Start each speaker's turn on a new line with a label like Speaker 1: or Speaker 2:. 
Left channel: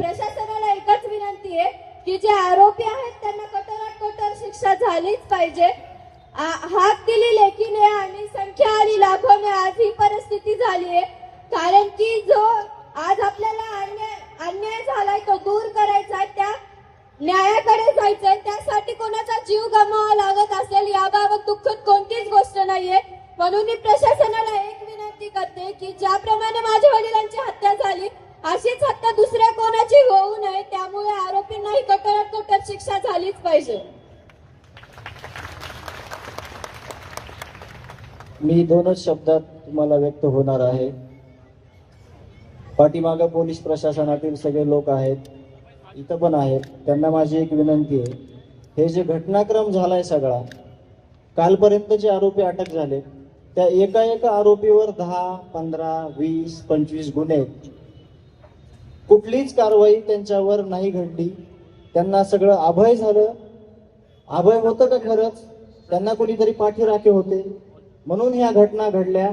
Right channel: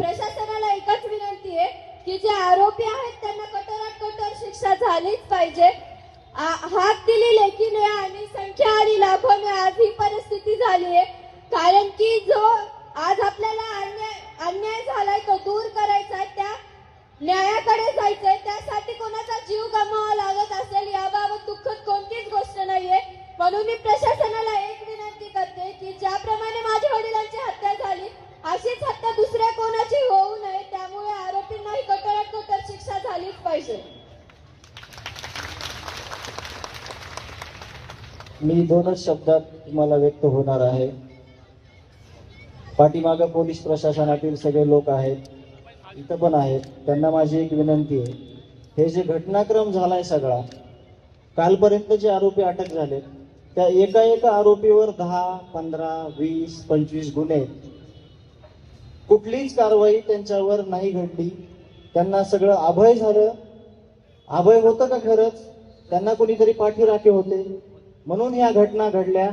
Speaker 1: प्रशासनाला एकच विनंती आहे की जे आरोपी आहेत त्यांना कठोरात कठोर शिक्षा झालीच पाहिजे. हात दिली लेखीने आणि संख्या आणि लाखोने आज ही परिस्थिती झाली आहे. कारण की जो आज आपल्याला अन्याय अन्याय झालाय तो दूर करायचा त्या न्यायाकडे जायचंय त्यासाठी कोणाचा जीव गमावा लागत असेल याबाबत दुःखद कोणतीच गोष्ट नाहीये. म्हणून मी प्रशासनाला एक विनंती करते की ज्याप्रमाणे माझ्या वडिलांची हत्या झाली अशीच झालीच पाहिजे.
Speaker 2: मी दोनच शब्दात तुम्हाला व्यक्त होणार आहे. पाठीमागं पोलीस प्रशासनातील सगळे लोक आहेत इथं पण आहेत त्यांना माझी एक विनंती आहे. हे जे घटनाक्रम झालाय सगळा कालपर्यंत जे आरोपी अटक झाले. त्या एका एका आरोपीवर दहा पंधरा वीस पंचवीस गुन्हे आहेत. कुठलीच कारवाई त्यांच्यावर नाही घडली. त्यांना सगळं अभय झालं. अभय होतं का खरंच? त्यांना कोणीतरी पाठीराखे होते. म्हणून ह्या घटना घडल्या.